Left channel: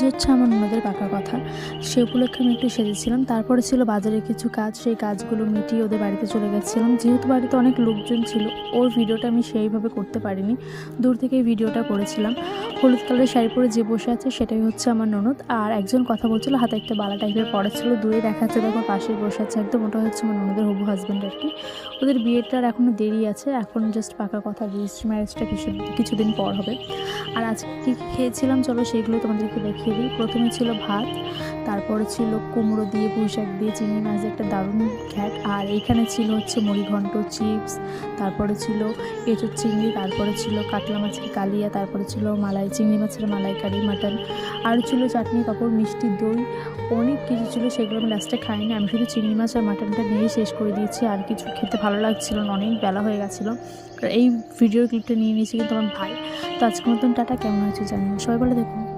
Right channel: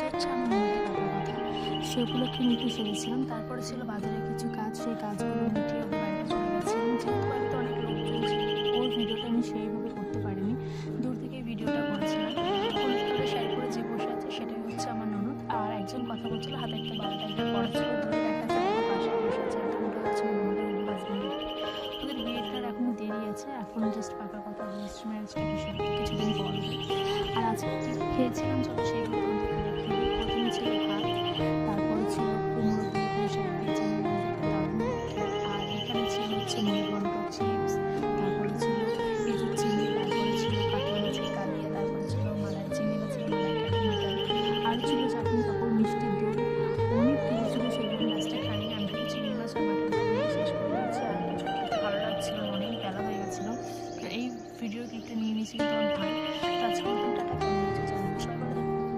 আজ হচ্ছে আমার ননদের পাকা কথা, সে উপলক্ষে আমি একটু সেজেছিলাম। তারপরে ছিল বাজারের কিছু কাজ, সেই কাজগুলো মিটিয়ে ওদের বাড়িতে চলে গেছিলাম। যেহেতু বাড়িতে অনেক লোকজন ছিল, ওর ভিডিওটা আমি সেইভাবে করতে পারিনি, দূর থেকেই ভিডিওটা করেছিলাম। হলুদ কালারের শাড়ি পরে যে বসে আছে সেটাই হচ্ছে আমার ননদ। আর একজন কথা বলছিল, হাতে একটা বালা টাইপের পড়া ছিল, দূরে দেখা যাচ্ছে দেখো পাশেই বসে আছে একদম, ওটা হচ্ছে আমার ননদের হবু হাজব্যান্ড আর কি। ওদের বিয়েটার এখনও দেরি আছে, এখন জাস্ট পাকা কথা, রেজিস্ট্রি ম্যারেজটা কিছুদিন পর হবে। আর আজকে কী খেয়েছিলাম চলো সেগুলো তোমাদেরকে দেখিয়ে দিই। প্রথমে ছিল ভাত, তারপরে ছিল কুমড়ো দিয়ে পুঁই শাক দিয়ে চিংড়ি মাছ দিয়ে একটা দারুণ খ্যাট, আর এইখানে ছিল হচ্ছে মুড়িঘণ্ট, চিপস, তারপরে ছিল এঁচোড় চিংড়ি, তারপরে ছিল কাতলা মাছের কালিয়া, তারপরে ছিল চিংড়ি মাছের মালাইকারি, মাটন, আর ছিল চাটনি পাঁপড়, মিষ্টি দই, অনেক কিছু ছিল। সেগুলো আমি লাস্টে খাইনি, আমি শুধু চিংড়ি মাছ আর মাটনটা দিয়ে শেষ করে দিয়েছি। আর কিছু খেতে ভালো লাগছিল না, অনেক বেলা হয়ে গেছিলো। এই ভিডিওর ক্লিপটা নিয়ে নিয়েছি কিন্তু আমার ভাই। তো আজকের মতন টাটা, কেমন হচ্ছে জানি না, সবাই বলে দেখুন।